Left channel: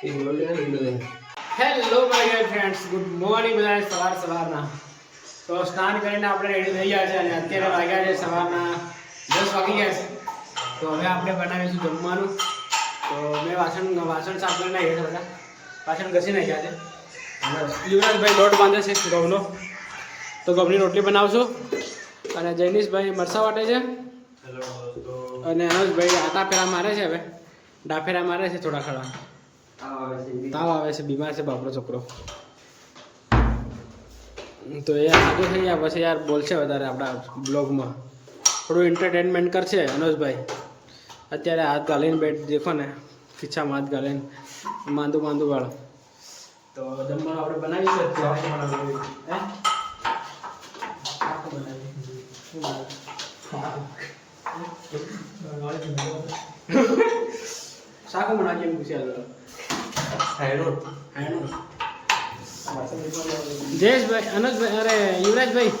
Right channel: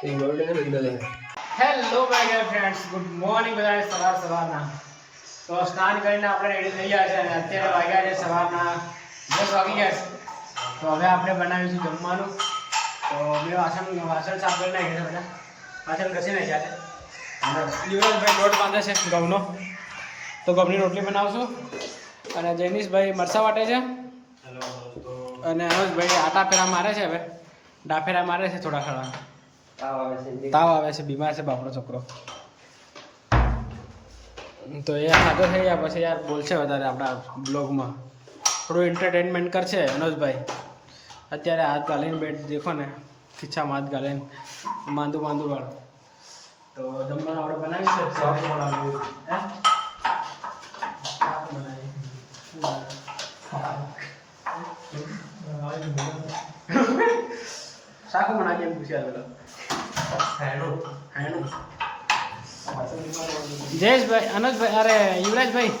Hello my friends, good morning બધા. સવારના તો સ્નાન કરીને આપણે રેડી થઈ ગયા છે અને અત્યારે વાગ્યા છે સવારના 10 વાગી ગયા છે. તો હવે આપણે બનાવીશું જમવાનું. તો મેં વાસણ સાફ કરી નાખ્યા છે, બધા વાસણ ઘસી નાખ્યા છે અને યુવરાજભાઈ લોટ બાંધે છે ઘઉંનો, તો ઘઉંની રોટલી બનાવશું. અને જૈનિશભાઈ મરસા વાટે છે અને અનુજભાઈ આટા ફેરા મારે છે. હવે ડાફેરા મારે છે થોડા ખરા. તાવ આવે છે, બીમાર છે બાપડો છોકરો. તો એ ખાધો થઈ ગયા પછી યાર બોલશે વધારે આપણા બ્લોગમાં, થોડું એન્ટરટેનમેન્ટ કરશે અનુજભાઈ. અત્યારે હાથ ગાલીને બેઠ દેખો ને, ખીચામાં હાથ ગાલીને માંદું વાળો. તો જમવાનું આપણે બનાવીશું શાકું બનાવીએ એમ પૂછ્યા. જયેશભાઈ, અનુજભાઈ, અરે યુવરાજભાઈ,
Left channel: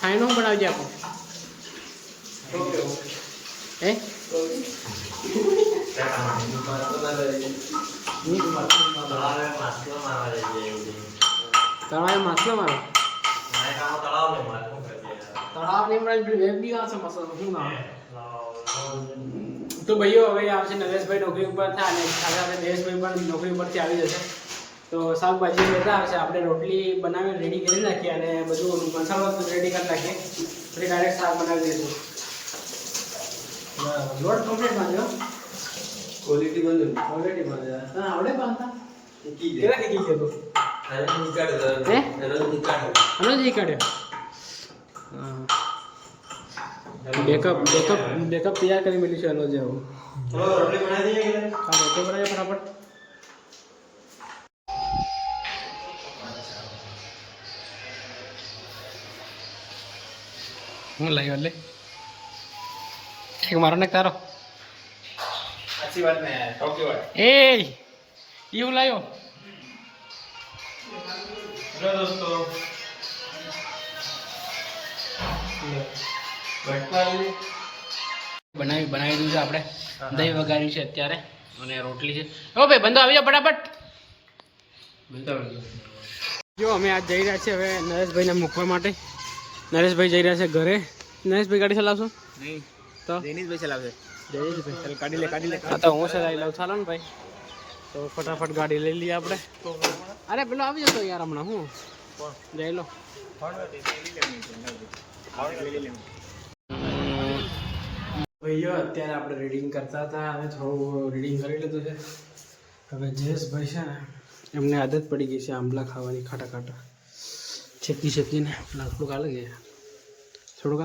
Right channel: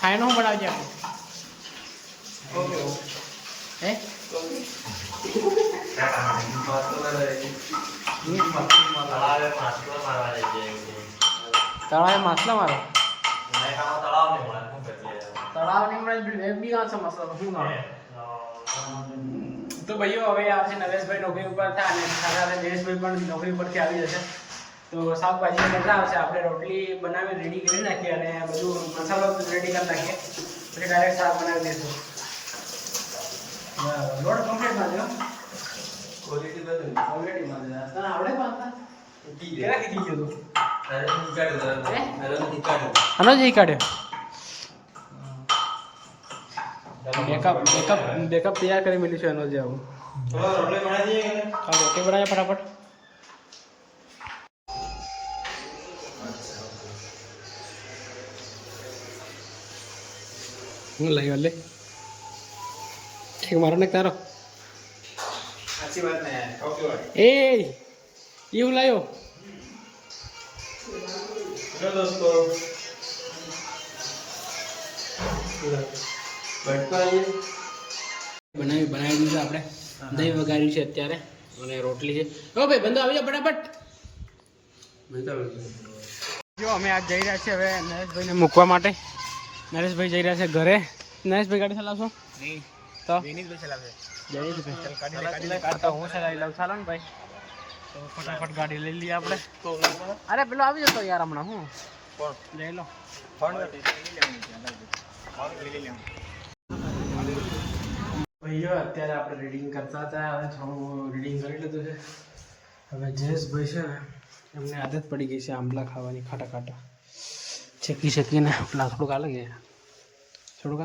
હાયનું હું બનાવજે આપું હે તળાવે માછલા મારો તળાવ નહીં મળે બી આવશે મસાલો શું ના. તો ભાઈઓ હવે આવશે નરેશભાઈ નોકરી ઉપર થાય અને સાથે નરેશભાઈ પણ નોકરી ઉપરથી આવી જશે. તો શાકભાજી લેતા આવશે. આપણે રોટલી બનાવી રેડી કરી નાખીએ અને બધું મસાલો રેડી કરી નાખીએ, પછી ડાયરેક્ટ શાક બનાવી દઈશું. લોટ કમ્પ્લીટ બાંધ્યો, ક્વોલિટી બાંધે હા આવડે બાંધતા કેવા કીધી ગયો તું અનોજી કાઢ્યો. બેકઅપ તૈયાર કરી મેળ્યું છે એનો જે આવું. રોટલી બનાવી દઈએ હા રોટલી બનાવીએ ફટાફટ. હું લાવ્યો લે એક મારો ને તારો એ હું લાવ્યો દોસ્તો. બનાવી દીધું છે આપણે. દહીં વગાડ્યું છે અત્યારે અને રોટલી છે. ઓ ભાઈ બંધો આવી જાઓ ફટાફટ. જો અમે આજ જઈ રહ્યા છીએ હવે નરેશભાઈને મૂકવા માટે. નરેશભાઈ જઈ રહ્યા છે ઘરે. નરેશભાઈ ગાડી ચલાવશો? નહીં તો જૈનિશભાઈ ચલાવશે. જૈનિશભાઈ તો હું ચલાવી લઉં. ચાલો ને ભાઈ, તો ફટાફટ ગાડી લઈ લઈએ આપણે. અરે પેલો આવી જતો યાર હમણાં. હું લઈ લો ભાઈઓ. અત્યારે આપણે રીડિંગ કરતા હતા, હવે થોડું રીડિંગ કરી લીધું છે. હવે જયેશભાઈ છે ને, એમને આદત પડી ગઈ છે આંબલા ખાવાની, ખાટા શેકીને. પેલા થોડુંક અલગ છે, થોડુંક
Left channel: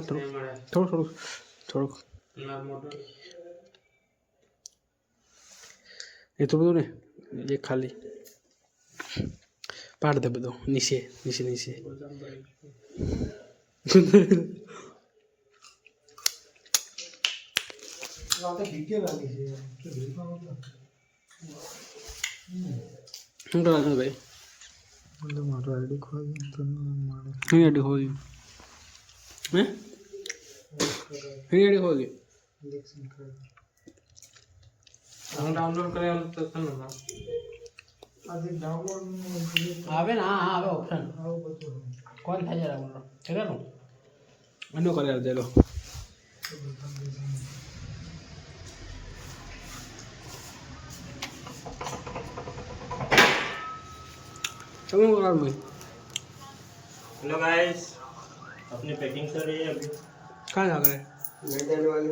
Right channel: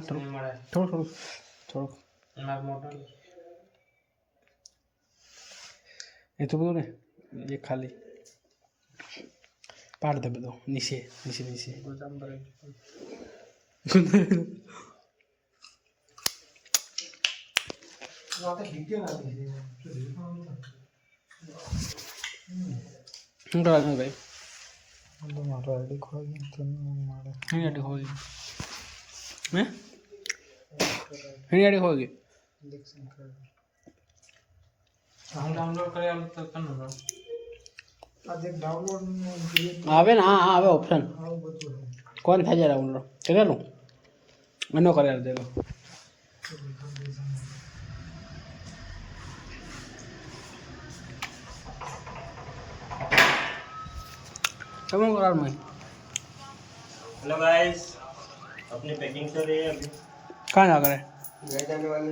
એ તો બધું ને એ ખાલી પાડ દે બધું નીચે. શું કરવાનું ભાઈ? મારો આઈડી ખોઈ ડાઉનલોડ કરેલું તો આવે ને. હા આવે ઓપ્શન. કોણ થાય છે ડાઉનલોડ કરેલું? એનો કરેલું દેલો. समझ रहा हूँ मैं. हेलो गाइस, अपनी पैकिंग चल रही है अभी. कहाँ जा रहे? घर जाने वाले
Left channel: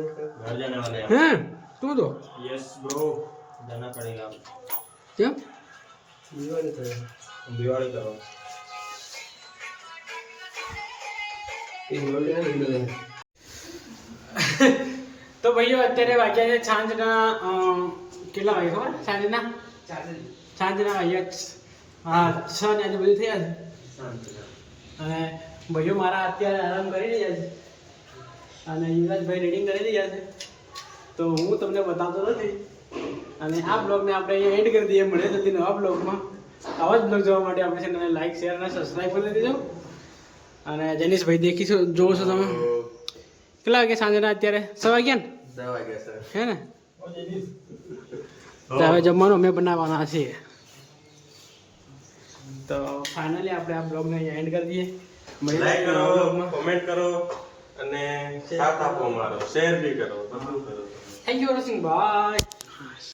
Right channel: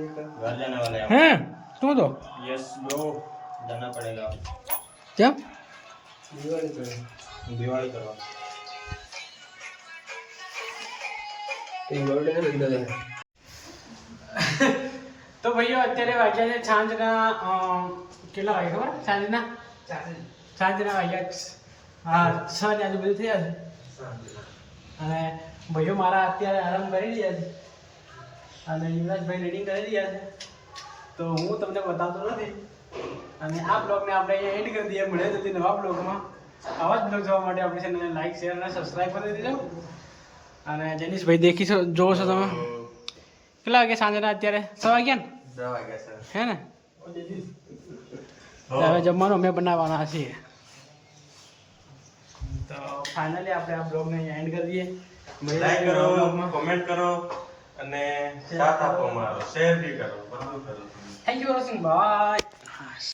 हैं. हैं तू तो? यस ब्रो, जाना पड़ेगा. क्या? दिवाली करो. તો ભાઈઓ અત્યારે વાગ્યા છે સાંજના કેટલા વાગે ખબર? સાંજના વાગ્યા હા 6 આજુબાજુ થયા છે. અને ભાઈઓ મારા અત્યારે આરામ કરી રહ્યા છે અને યુવરાજભાઈ રીડિંગ કરી રહ્યા છે. તો હું તમને બતાવતો નથી અને આ બ્લોગને આપણે અહીંયા એન્ડ કરી દઈએ. મળે જતી નવા બ્લોગમાં. આવા જ બ્લોગ જોવા માટે આપણી ચેનલને લાઈક, શેર અને સબસ્ક્રાઈબ કરી દેજો. અને જૈનિશભાઈ દેખી જોવો છો તમે. કેટલા વાગ્યા સાંજના? અત્યારે 6 વાગ્યા ને? 10 વાગ્યા સર. હે ને? તો હવે જમવાનું અમે બનાવવાના છીએ. તો ફાઇનલી આપણે આ બ્લોગને એન્ડ કરી દઈએ. લાઈક કરો, કોમેન્ટ કરો અને સાથ આપો અમારો, શેર બી કરો, બધું કરો. Thank you for watching. By.